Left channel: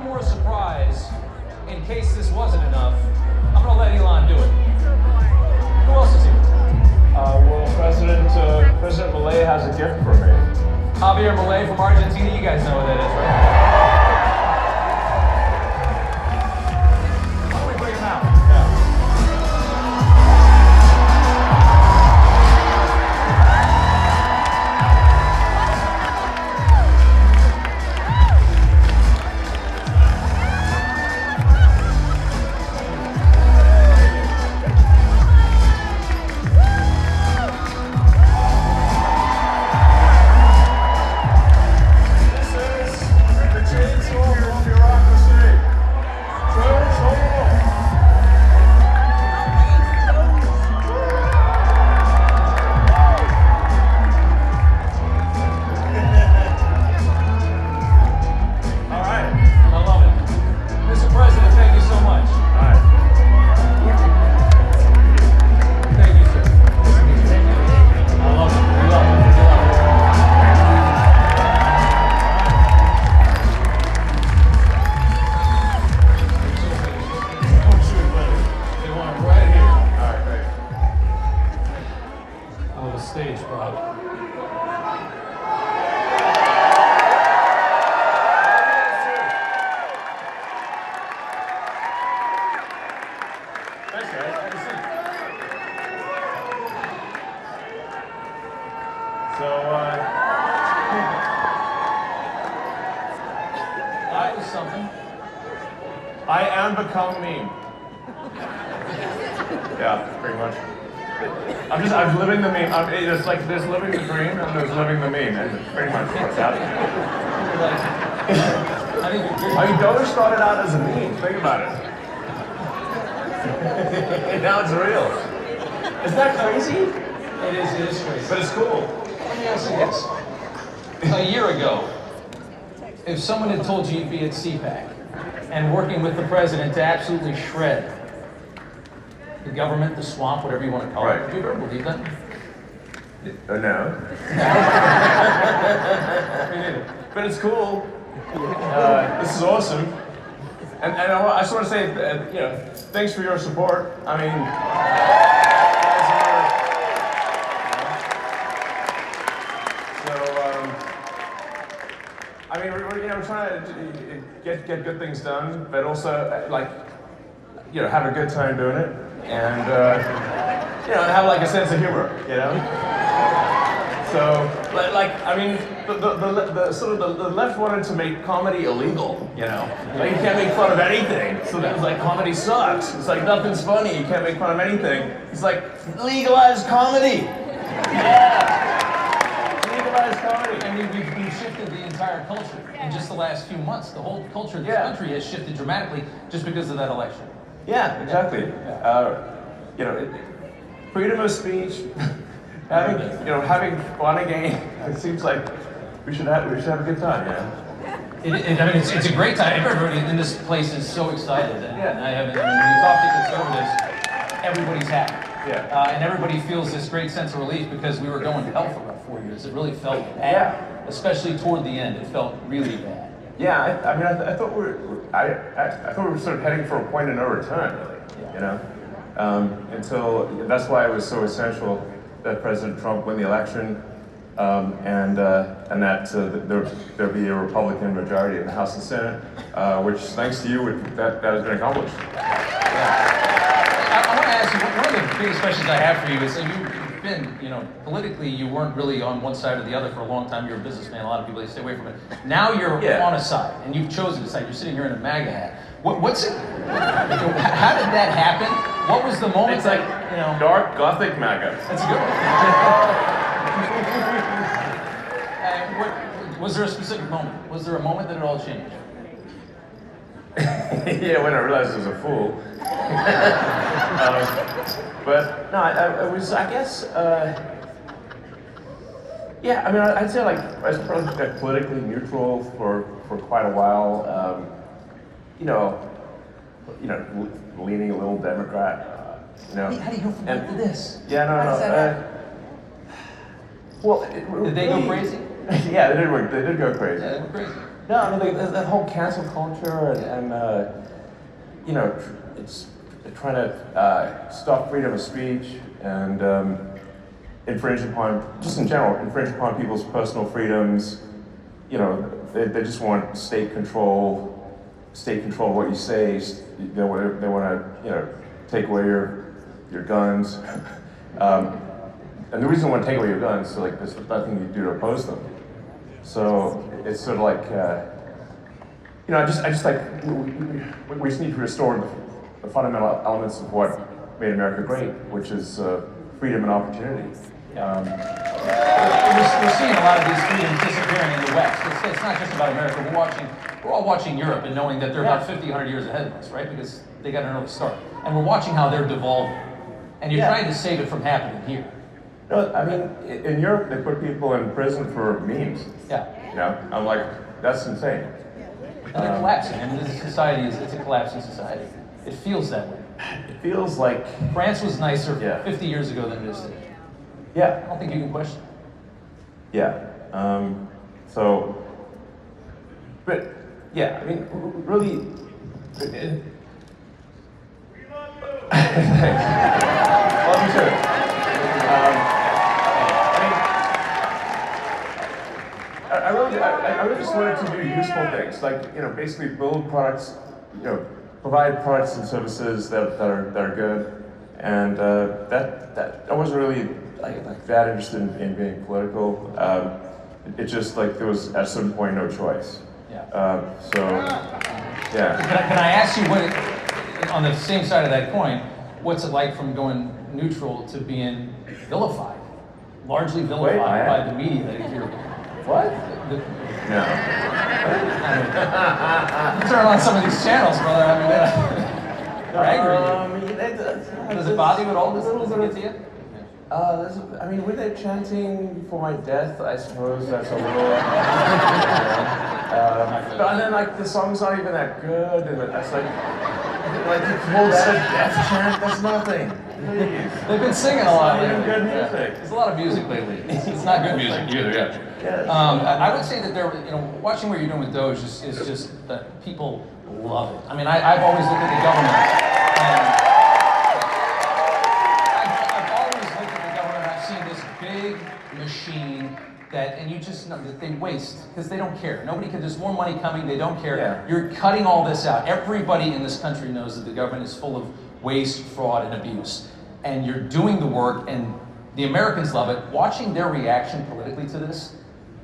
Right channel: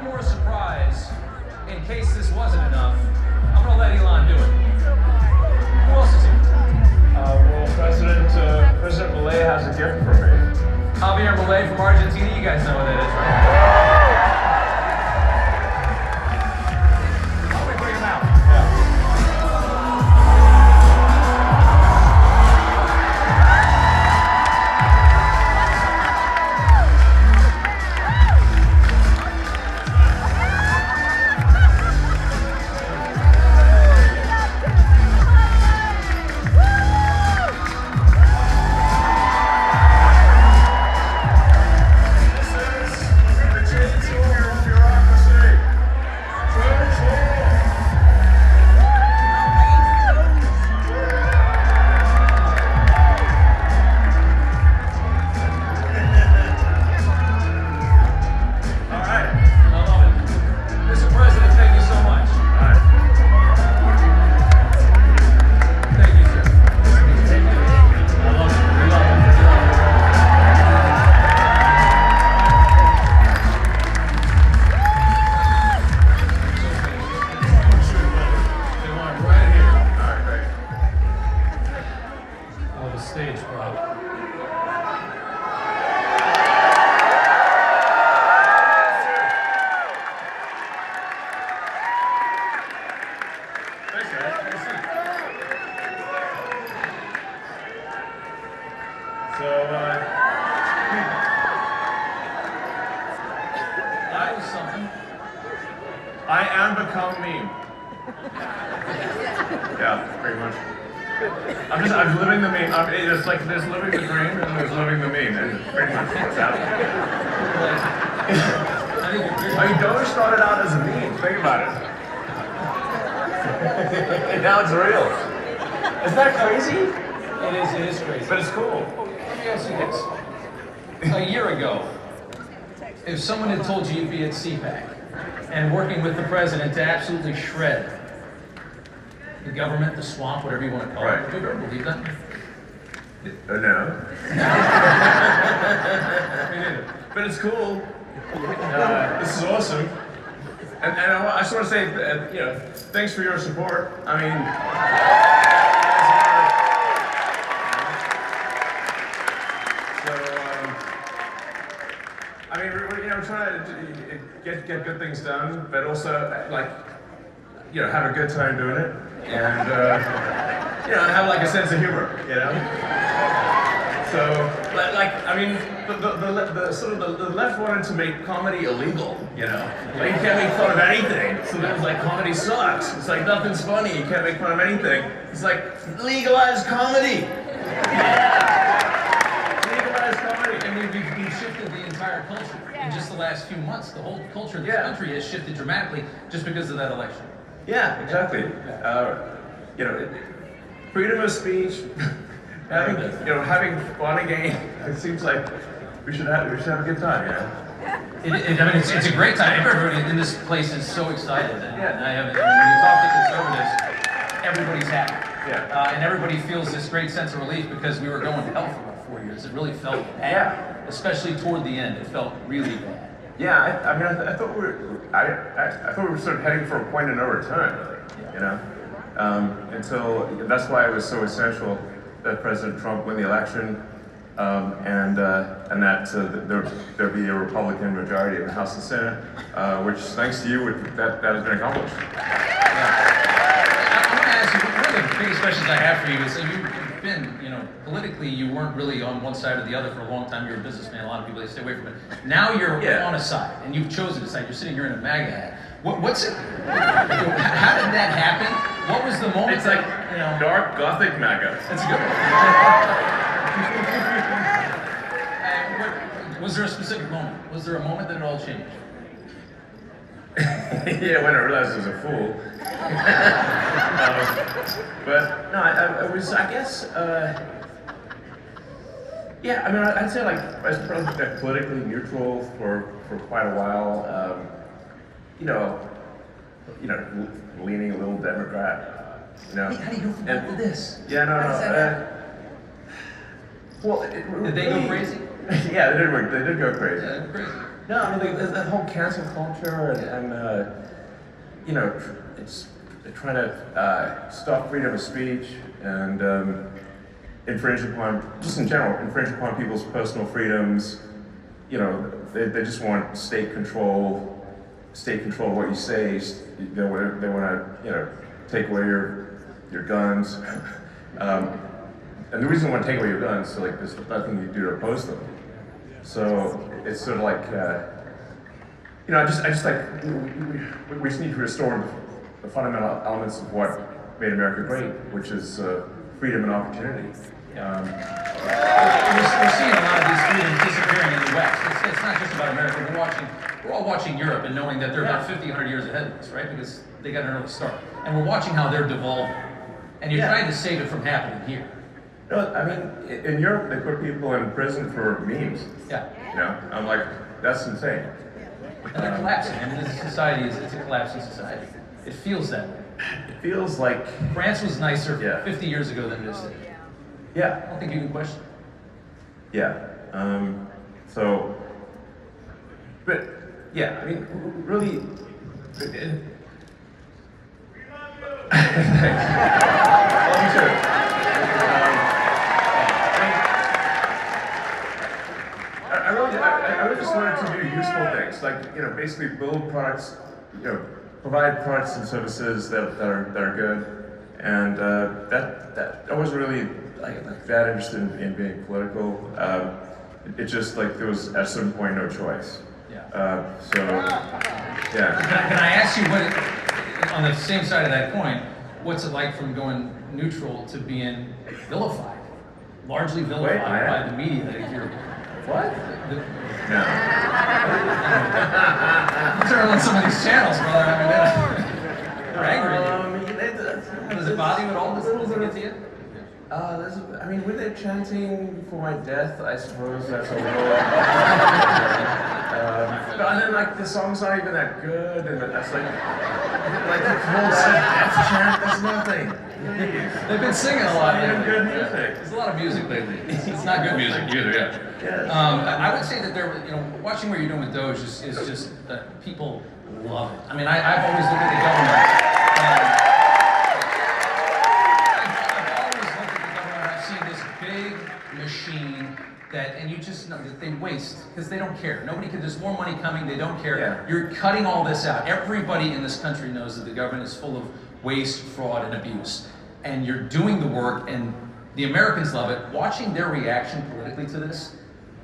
one more surprise, in case this wasn't enough. I'm gonna let Elon do it. Who else is here? Well, President Milei has a gift for me. Javier Milei from Argentina. You guys know what that is, right? Why don't we bring him out? Stage, bro. Thanks, guys. Good to see you. That was something. I am become meme. Yeah, pretty much. I'm living the meme. It's like there's living the dream and there's living the meme, and pretty much what's happening. I mean, Doge started out as a meme. Think about it. And now it's real. Isn't that crazy? It is crazy. But it's cool. Let me ask you this. A year ago, if someone had told you you'd be at CPAC and working with the president to absolutely shred the government, the swamp, whatever you want to call it, would you ever believe that? No. Me neither. But it's cool. This is awesome. And I just want to say, thanks for your support. I mean, we're trying to get good things done, but also have a good time doing it, and have like a sense of humor, So, the left wanted to make comedy illegal, you can't make fun of anything. So it's like comedy sucks. It's like nothing's funny. You can't make fun of anything. It's like legalize comedy. Yeah, legalize comedy. I mean, we've shifted the entire culture in just the last few months. The whole culture of this country has shifted dramatically just because of that election. Yeah, exactly. Freedom of speech. Having fun again. It seems like we should have a good time, It's a great time. Everybody in this place is so excited, and when you talk to conservatives, everybody's happy. And everybody feels this great sense of relief because we were going to hell for about 4 years. It really felt bad, especially toward the end. It felt really bad. Yeah, I thought we were sort of heading for a point of no return, really. Until that's why it was so essential that President Trump win the election, and that there be a Republican majority in the House and Senate, which, thanks to you, that has been accomplished. I want to ask you, one of the biggest questions I have for you is, you've been, politically, you weren't really on one side or the other for a long time. You're a businessman. A lot of people, they stay away from it. Now you're on a side, and you've chosen a side. You're sitting here in a MAGA hat. What's it? How did that happen? What was the moment? It's like dark Gothic MAGA. That's good. Was there a specific moment? Was there a moment that it all changed? Yeah, when I realized I was a fool. But no, I was, I guess, I'd say I was probably politically neutral for quite a while. Leaning a little Democrat. How do you go from that to this? Yeah, no. Did they go crazy? Yeah, they did go crazy. Yeah, they were crazy. No, I mean, like, that whole cancel culture and you know, it's trying to stop freedom of speech and infringe upon, just in general, infringe upon people's personal freedoms. You know, they just want state control of what you say. They want to, you know, take away your guns. And the reason they want to take away your guns is like there's nothing you do to oppose them. So it's sort of like, you know, I just like we just need to restore the fundamental elements of what made America great, which is freedom and opportunity. We're seeing a lot of these freedoms disappearing in the West. It's not just about America. We're all watching Europe and knowing that they're about 50, 100 years ahead of us, right? Because they got an early start. And we're watching how they're devolving. And you're trying to save it from happening here. No, I mean, in Europe, they put people in prison for memes. Yeah. You know, I'm like, that's insane. And they're collapsing. I mean, this society it's a collapsing society. It feels that way. It feels like France was nicer 50 years ago than it is today. Yeah. I don't think you can question. Yeah. So, but yeah, I mean, really. Love you too. I really just wanted to do useful things, like, you know, basically build products, you know, provide products and services that are good, and that I wasn't really like that interested in being political. It just like there was at a certain point no choice. Yeah. So yeah. Can I ask you what, on the same side of that coin, what's it like from going neutral to being vilified, largely vilified by the media? That you're, what? No. Turn on some of these channels, brother. I mean, they're angry. Does it bother you at all? Does it get to you? I mean, were they chanting for my death? I suppose that's a little. But then, like, the song's not even that good, and it's like the whole death chant. That's nothing. Please. They've been singing a lot. It's good music. There's a lot of music lately. It's not good music either. Yeah. Yes. I would say that you know, watching what you're doing with Doge is just people love it. I mean, I've always looked at the government, and I've always looked at the government. I've seen this big machine and you just know that they waste because they don't care. There's more money coming. They don't care. Yeah. You're cutting all this out. Everybody in this country knows that the government is full of waste, fraud, and abuse, and you're doing the work, and the Americans love it. Watching their reaction politically to this,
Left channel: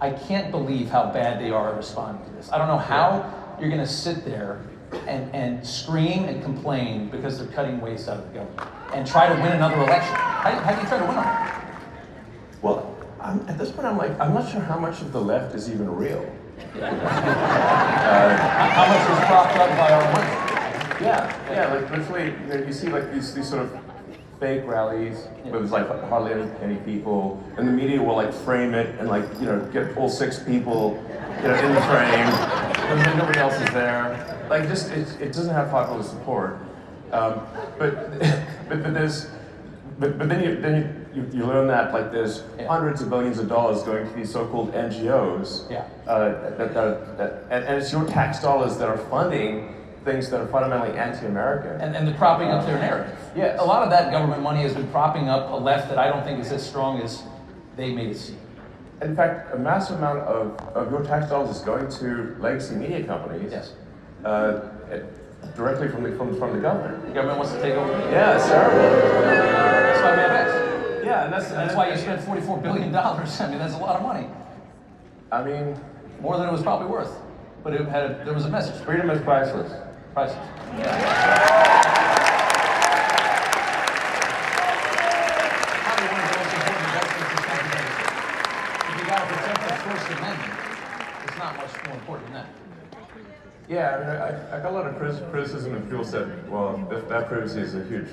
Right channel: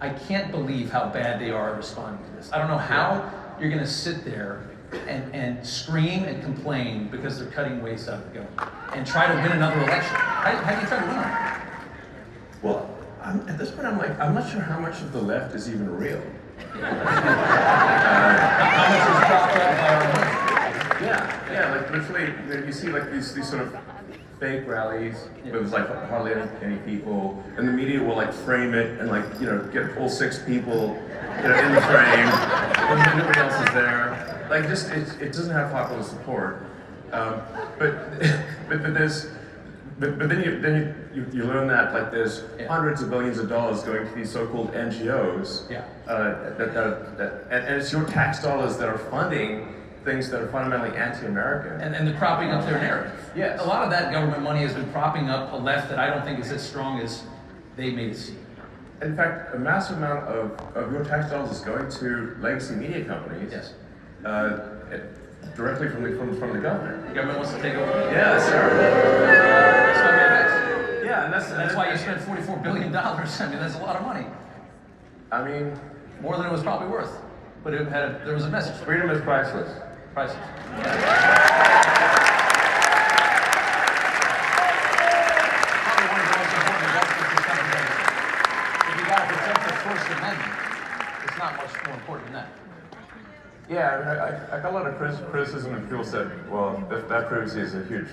I can't believe how bad they are at responding to this. I don't know how you're going to sit there and scream and complain because they're cutting waste out of the government and try to win another election. How do you try to win them? Well, at this point, I'm not sure how much of the left is even real. How much is propped up by our money? Yeah, like literally, you see like these sort of fake rallies where there's like hardly any people, and the media will like frame it and like, you know, get all 6 people, you know, in the frame, and nobody else is there. Like just it doesn't have popular support. But then you learn that like there's hundreds of billions of dollars going to these so-called NGOs. And it's your tax dollars that are funding things that are fundamentally anti-American. And they're propping up their narrative. Yes. A lot of that government money has been propping up a left that I don't think is as strong as they made it seem. In fact, a massive amount of your tax dollars is going to legacy media companies. Yes. Directly from the government. The government wants to take over. Yeah, sir. That's why we have X. Yeah, and that's why you spent $44 billion. I mean, that's a lot of money. I mean, more than it was probably worth. But there was a message. Freedom is priceless. Priceless. Yeah. Probably one of the most important investments this country has. If you got to protect the First Amendment, it's not much more important than that. Yeah, I mean, I got a lot of criticism, and people said, well, that proves he's a huge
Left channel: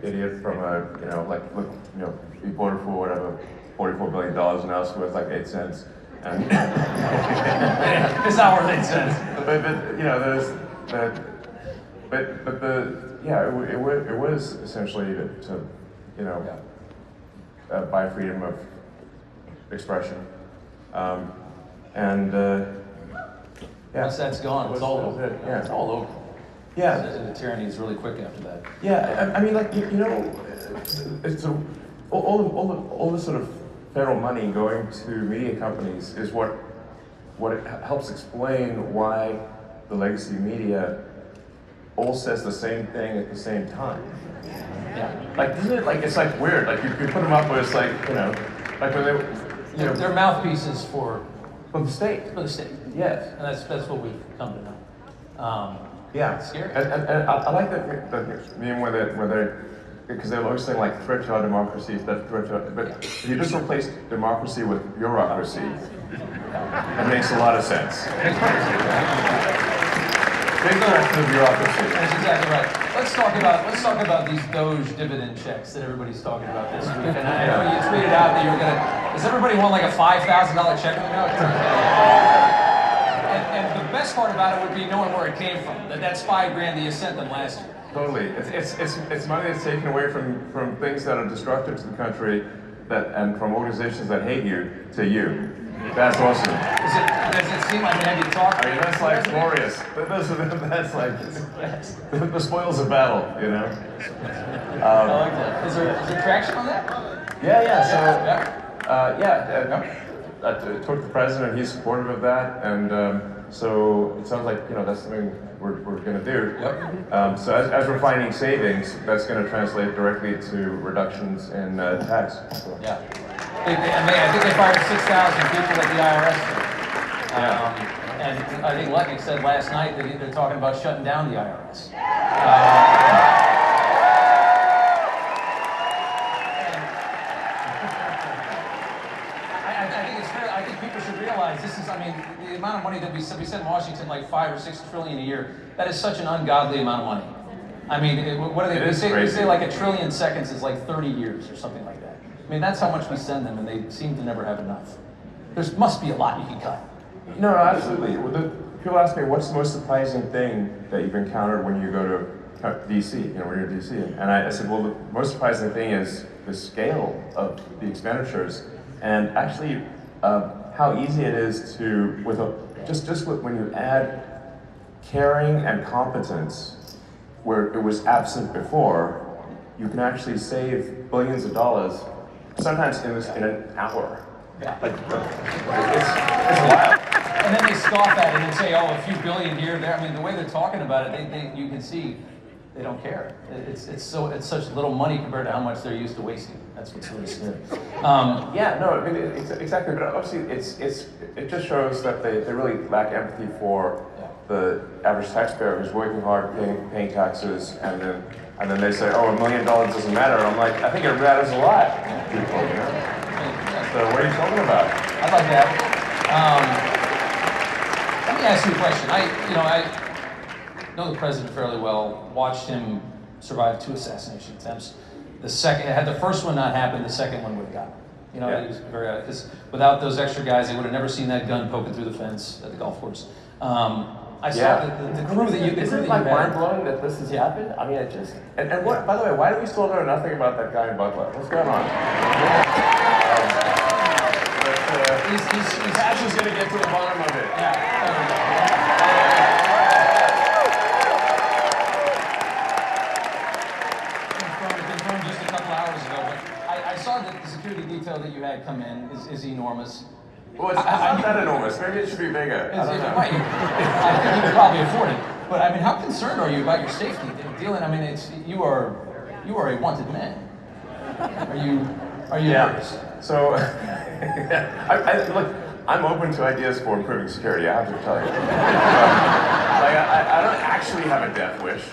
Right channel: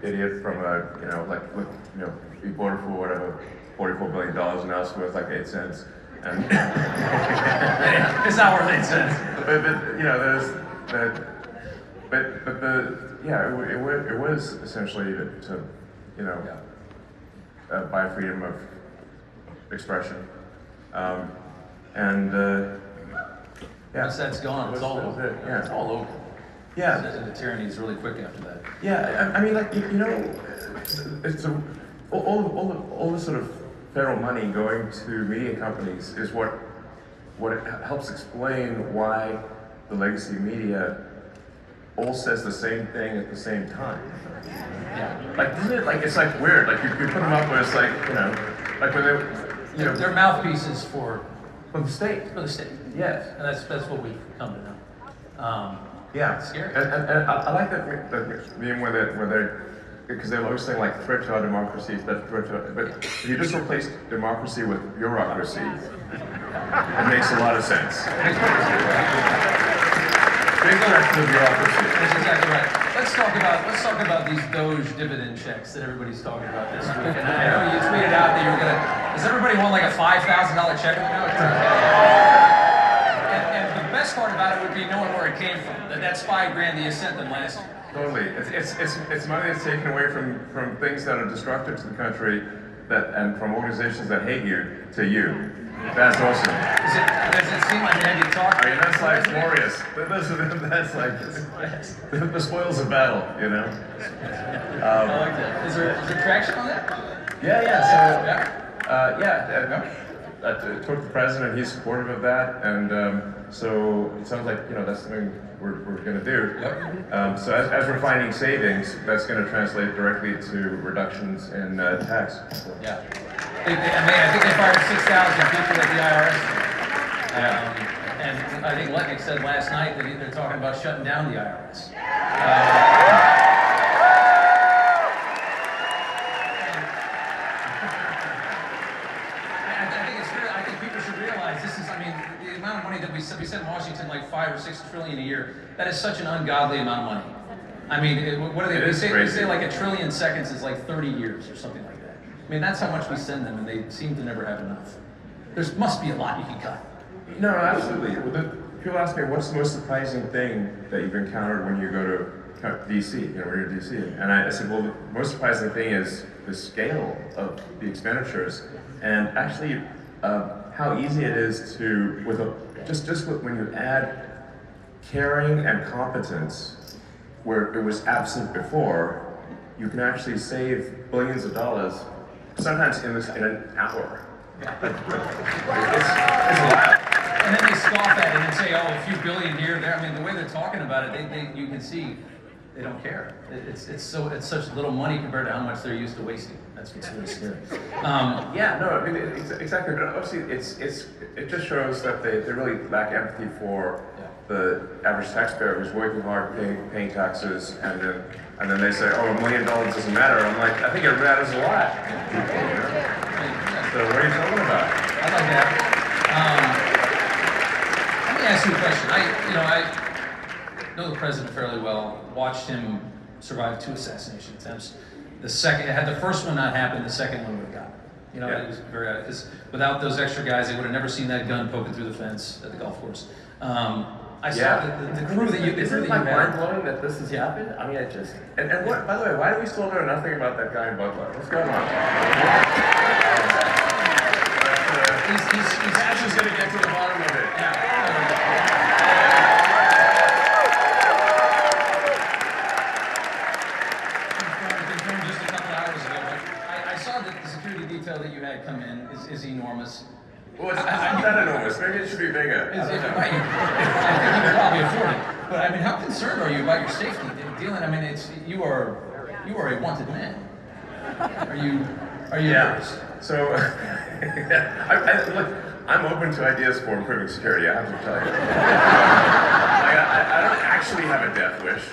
idiot from a, you know, like, look, you know, he bought it for whatever, $44 billion, and now it's worth like 8 cents. And it's not worth 8 cents. But you know, there's it was essentially to you know, buy freedom of expression, and Once that's gone, it's all over. Yeah. It's all over. Yeah. The tyranny is really quick after that. Yeah, I mean, like, you know, it's all the sort of federal money going to media companies is what it helps explain why the legacy media all says the same thing at the same time. Yeah. Like, isn't it, like, it's like weird, like you put them up where it's like, you know, like when they, you know. They're mouthpieces for the state. the state. Yes. And that's what we've come to know. Yeah. It's scary. And I like that meme where they're, because they're always saying like threat to our democracy, but if you just replace democracy with bureaucracy, it makes a lot of sense. Big threat to the bureaucracy. That's exactly right. Let's talk about these Doge dividend checks that everybody's talking about this week. And I know you tweeted out that you were gonna. Does everybody want like a $5,000 check? And the best part about it would be knowing where it came from. That's $5,000 that you sent them last year. Totally. It's money that's taken away from things that are destructive to the country, and from organizations that hate you to you. That's awesome. Does it seem like have you talked? I mean, that's like glorious. That's like the spoils of battle, you know. I like that. Is there traction on that? Yeah. So I talked to the president. He's supportive of that, and so it sounds like, you know, that's something we're going to do. Yep. So as we're finding savings, that's going to translate directly to reductions in tax. So. Yeah. I think they fired 6,000 people at the IRS. And I think Letnick said last night that they're talking about shutting down the IRS. I think people should realize this is, I mean, the amount of money that we said in Washington, like 5 or 6 trillion a year, that is such an ungodly amount of money. I mean, what do they say like 1 trillion seconds is like 30 years or something like that. I mean, that's how much we send them, and they seem to never have enough. There must be a lot you can cut. No, absolutely. People ask me, what's the most surprising thing that you've encountered when you go to DC, you know, when you're in DC? And I said, well, the most surprising thing is the scale of the expenditures, and actually how easy it is to, when you add caring and competence, where it was absent before, you can actually save billions of dollars, sometimes in an hour. Yeah. It's wild. And then they scoff at it and say, oh, a few billion here, there. I mean, the way they're talking about it, you can see they don't care. It's such little money compared to how much they're used to wasting. That's what's really scary. Yeah, no, I mean, exactly. But obviously, it just shows that they really lack empathy for the average taxpayer who's working hard, paying taxes, and then they say, oh, $1 million doesn't matter. I'm like, I think it matters a lot. So what are you talking about? I'd like that. Let me ask you a question. I know the president fairly well. Watched him survive 2 assassination attempts. Had the first one not happened, the second one would have got him. You know, it was very, because without those extra guys, they would have never seen that gun poking through the fence at the golf course. I saw the crew that you. Isn't it like mind blowing that this has happened? I mean, it just. And what? By the way, why do we still know nothing about that guy in Butler? What's going on? He's actually going to get to the bottom of it. Confirmed just a couple hours ago, but I saw that the security detail that you had come in is enormous. Well, it's not that enormous. Maybe it should be bigger. I don't know. Right. I think you could probably afford it. But I mean, how concerned are you about your safety? Dealing, I mean, you are a wanted man. Are you nervous? So, look, I'm open to ideas for improving security. I have to tell you. I don't actually have a death wish.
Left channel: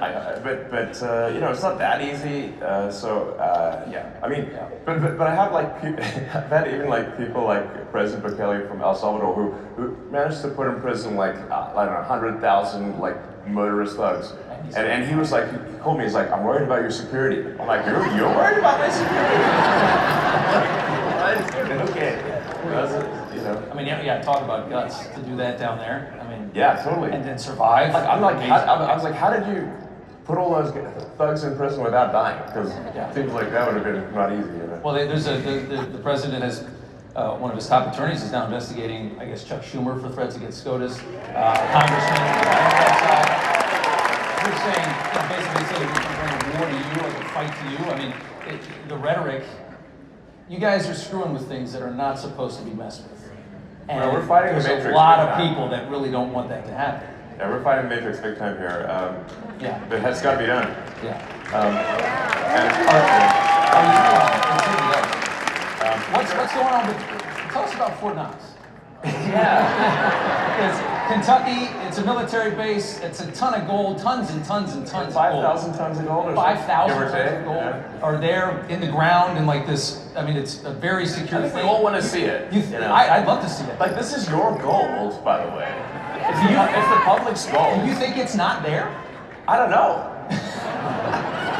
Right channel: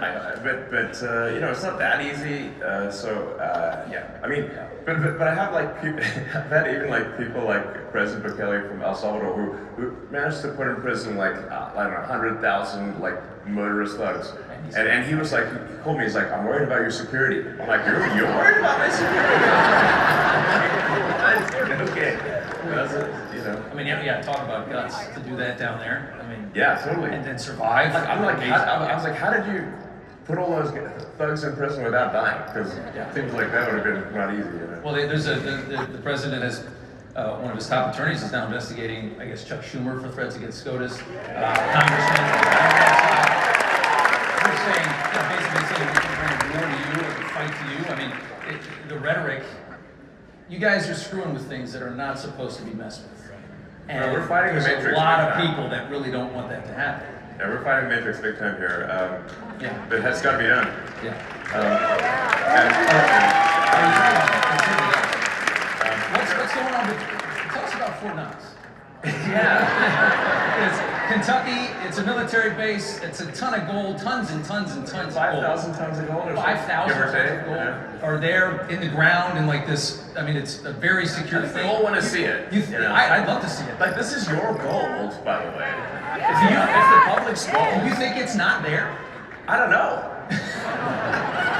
But you know, it's not that easy. I mean, but I have like people, I've had even like people like President Bukele from El Salvador who managed to put in prison like I don't know 100,000 like murderous thugs, and he was like, he called me, he's like, I'm worried about your security. I'm like, you're worried about my security? What? Okay. That's it, you know. I mean, yeah, talk about guts to do that down there. I mean, yeah, totally. And then survive. Like, I was like, how did you put all those thugs in prison without dying? Because it seems like that would have been not easy. You know? Well, the president has one of his top attorneys is now investigating, I guess, Chuck Schumer for threats against SCOTUS, congressman on the Democrat side. We're saying, basically saying we can bring a war to you, like a fight to you. I mean, the rhetoric, you guys are screwing with things that are not supposed to be messed with. And well, we're fighting the Matrix. There's a lot of people that really don't want that to happen. Yeah, we're fighting the Matrix big time here. Yeah. But it's got to be done. Yeah. What's going on with, tell us about Fort Knox. Yeah. It's Kentucky, it's a military base, it's a ton of gold, tons and tons and tons of gold. 5,000 tons of gold or 5,000 give or tons take, of gold yeah. are there in the ground in like this, I mean, it's a very secure I think thing. we all want to see it. I'd love to see it. Like, this is your gold, by the way. It's the public's gold. You think it's not there? I don't know.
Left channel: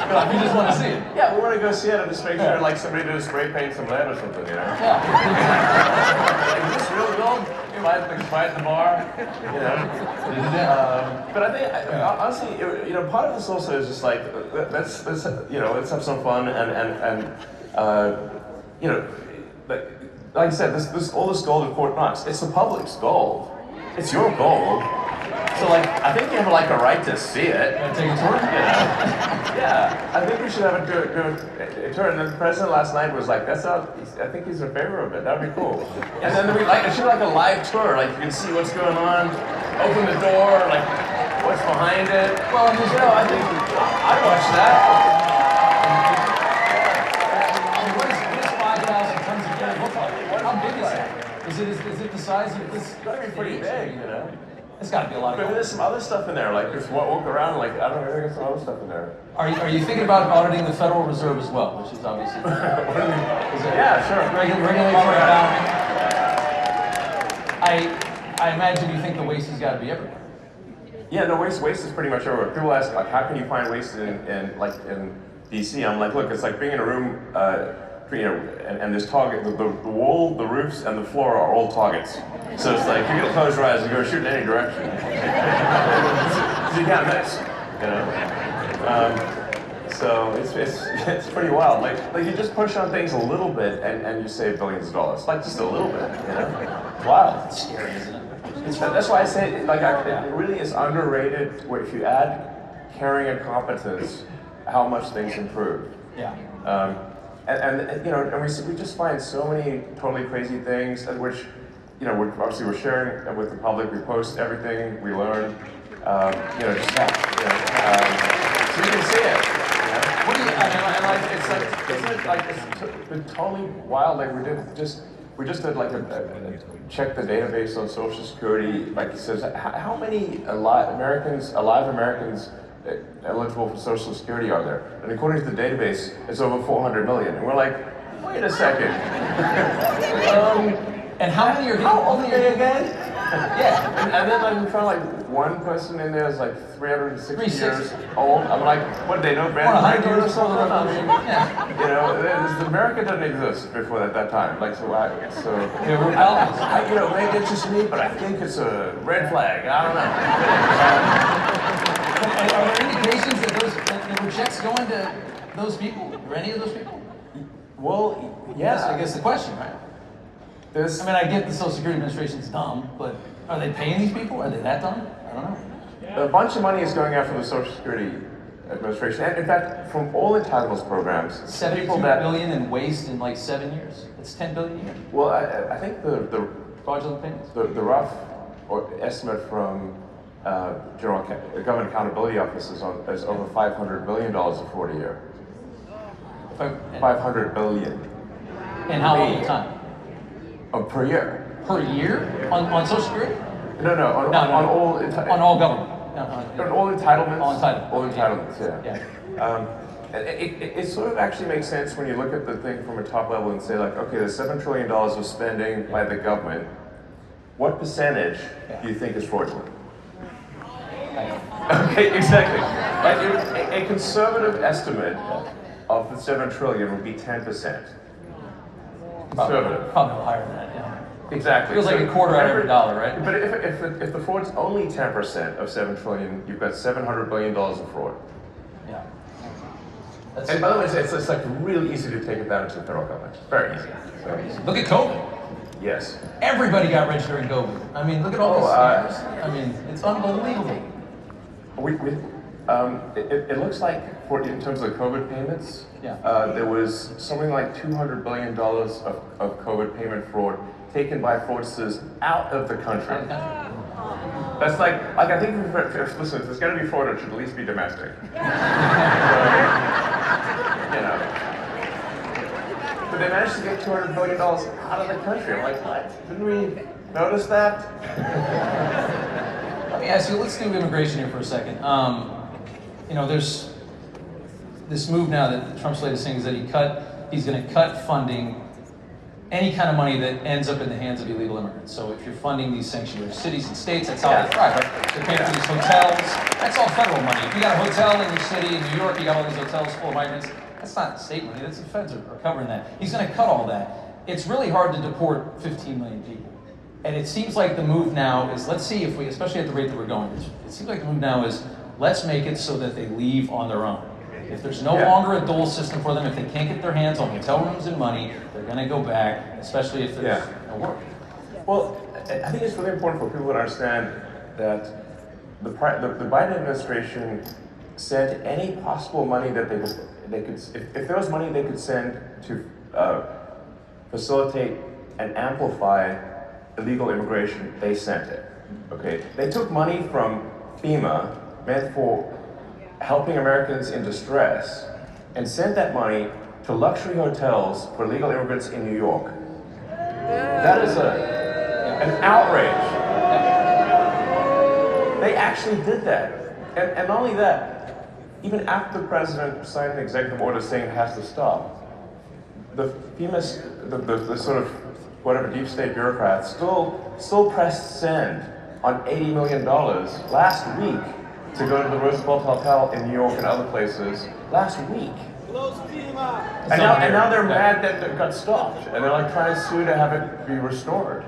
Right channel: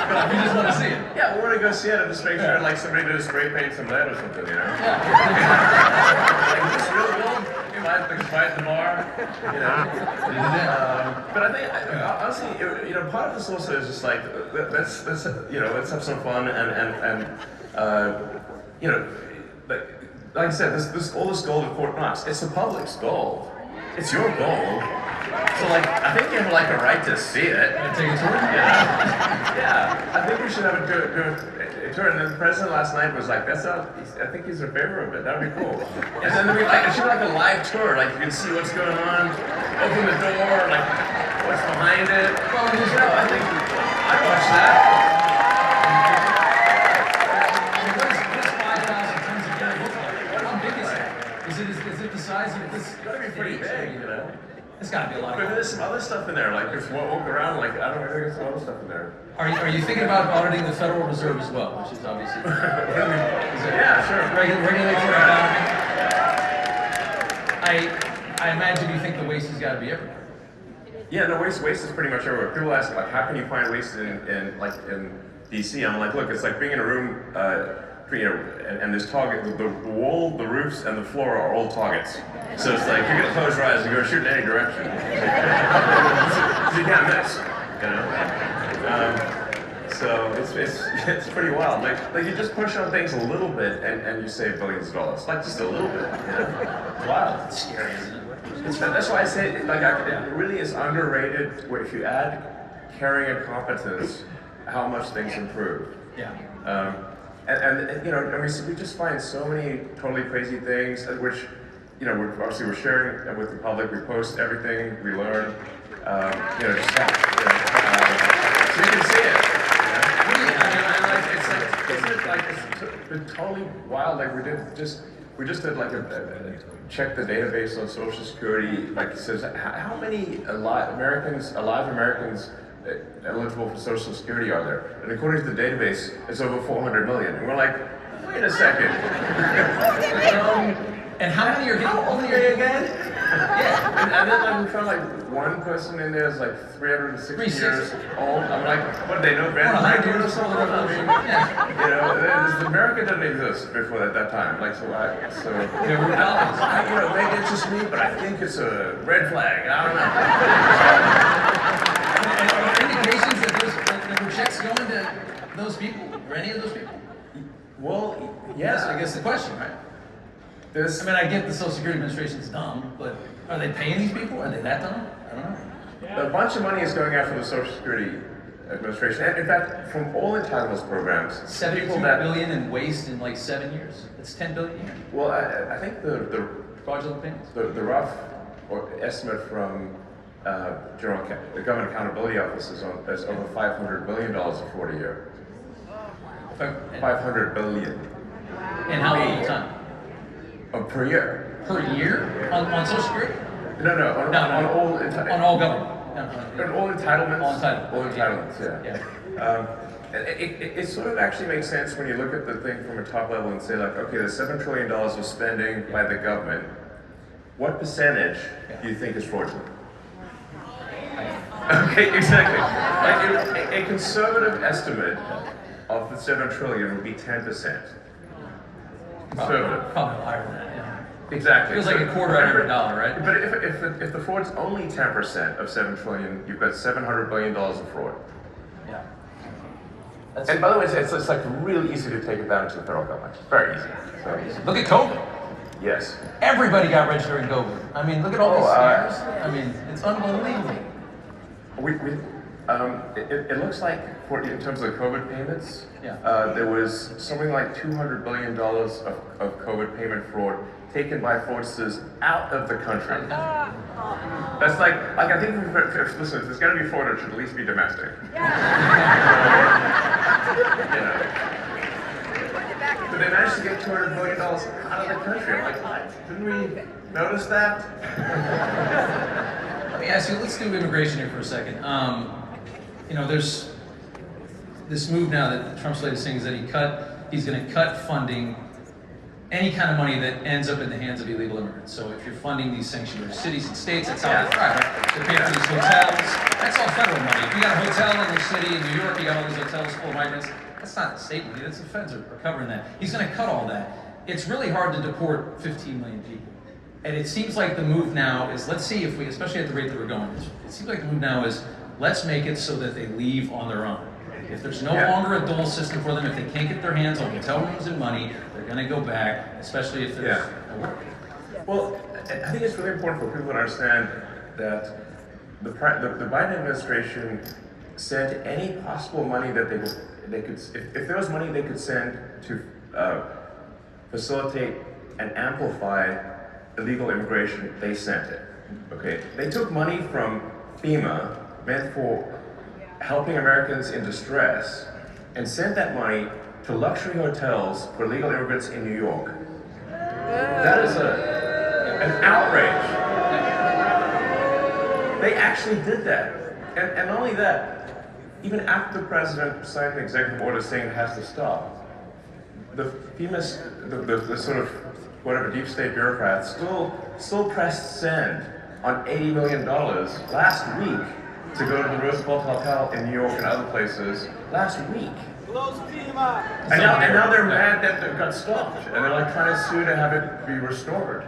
But you just want to see it. Yeah, we want to go see it and just make sure, like, somebody did a spray paint some lead or something, you know? Yeah. Like, is this real gold? Fight the bar, you know? But I think, honestly, part of this also is just like, let's have some fun and like I said, all this gold in Fort Knox, it's the public's gold. It's your gold. So, like, I think you have, like, a right to see it. Take a tour? Yeah, I think we should have a good tour. And then the president last night was like, I think he's in favor of it. That would be cool. And then it should be like a live tour. Like, you can see what's going on, open the door, like, what's behind it. Well, I think I'd watch that. What does 5,000 tons of gold look like? How big is it? Is it the size of this? It's gotta be pretty big, you know? It's got to be a lot of But gold. there's some other stuff in there. Like, if you walk around, like, I don't know, there's some other stuff in there. Are you thinking about auditing the Federal Reserve as well, which is obviously Yeah, sure. regulates our economy? I imagine you think the waste has got to be everywhere. Yeah, no, waste is pretty much everywhere. People ask, like, how can you find waste in DC? I'm like, look, it's like being in a room, and there's target, the wall, the roofs, and the floor are all targets. So it's like, you're gonna close your eyes and go shoot in any direction. You can't miss, you know? So it's pretty wild. Like you just push on things a little bit and you save billions of dollars. Like, just a little bit, you know? It's wild. It's scary, isn't it? That's why I say, it really is underrated where if you add caring and competence, how much things improve. Yeah. And we just find so many totally crazy things, which, we're sharing with the public. We post everything we learn, just that. So you can see it. What do you? It's been totally wild. Like, we just did like a check the database on Social Security. Like, it says how many alive Americans eligible for Social Security are there? And according to the database, it's over 400 million. And we're like, wait a second. And how many are getting? How old are you again? Yeah. And then I'm trying, like, one person in there is like 360 years old. I'm like, what, they know Grand Prix or something? America didn't exist before that time. Like, so There were dollars. maybe it's just me, but I think it's a red flag. I don't know. And are there indications that there were checks going to those people, or any of those people? Well, Yes, I guess the question, right? I get the Social Security Administration's dumb, but are they paying these people? Are they that dumb? I don't know. A bunch of money is going after the Social Security Administration, and in fact, from all entitlements programs, $72 billion in waste in like 7 years. That's $10 billion a year. Well, I think the Fraudulent payments. the rough estimate from the Government Accountability Office is over $500 billion a 40-year. $500 billion. And how long time? Per year. Per year? On Social Security? No, on all on all government. On all entitlements. All entitlements. All entitlements, Yeah. It sort of actually makes sense when you look at the thing from a top level and say, like, okay, there's $7 trillion of spending by the government. What percentage do you think is fraudulent? Okay, exactly. Like, a conservative estimate of the $7 trillion would be 10%. Conservative. Probably higher than that, yeah. Exactly. Feels like a quarter out of every dollar, right? But if the fraud's only 10% of $7 trillion, you've got $700 billion of fraud. Yeah. And by the way, it's like really easy to take advantage of the federal government. Very easy. So. Look at COVID. Yes. Everybody got rich during COVID. I mean, look at all these scammers. I mean, it's unbelievable. It looks like, in terms of COVID payments, Yeah. there was something like $200 billion of COVID payment fraud taken by fraudsters out of the country. That's like I think, listen, if there's going to be fraud, it should at least be domestic. You know. But they managed to get $200 billion out of the country. I'm like, what? Didn't we notice that? Let me ask you, let's do immigration here for a second. You know, there's this move now that Trump's latest thing is that he's going to cut funding, any kind of money that ends up in the hands of illegal immigrants. So if you're funding these sanctuary cities and states, that's how they thrive, right? They're paying for these hotels. That's all federal money. If you got a hotel in your city, in New York, you got all these hotels full of migrants, that's not state money, that's the feds are covering that. He's going to cut all that. It's really hard to deport 15 million people. And it seems like the move now is, let's see if we, especially at the rate that we're going, it seems like the move now is, let's make it so that they leave on their own. If there's no longer a dole system for them, if they can't get their hands on hotel rooms and money, they're going to go back, especially if there's no work. Well, I think it's really important for people to understand that the Biden administration sent any possible money that they could, if there was money they could send to facilitate and amplify illegal immigration, they sent it. Okay, they took money from FEMA meant for helping Americans in distress and sent that money to luxury hotels for illegal immigrants in New York. That is an outrage. They actually did that. And not only that, even after the president signed an executive order saying it has to stop, the FEMA, the sort of whatever deep state bureaucrats still pressed send on $80 million last week to go to the Roosevelt Hotel in New York and other places last week. And now they're mad that it got stopped, and they're like trying to sue to have it be restored.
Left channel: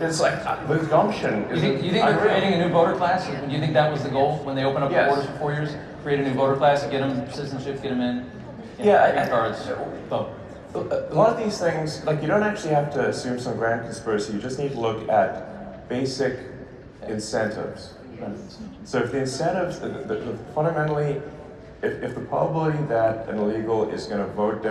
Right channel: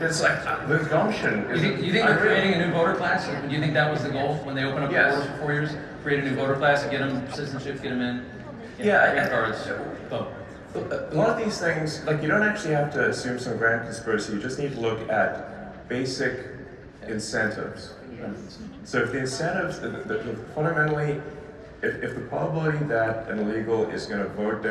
It's like the gumption. You think they're creating a new voter class? Do you think that was the goal when they opened up the borders for 4 years? Create a new voter class, get them citizenship, get them in. Green cards, vote. A lot of these things, like, you don't actually have to assume some grand conspiracy. You just need to look at basic incentives. So if the incentives, fundamentally, if the probability that an illegal is going to vote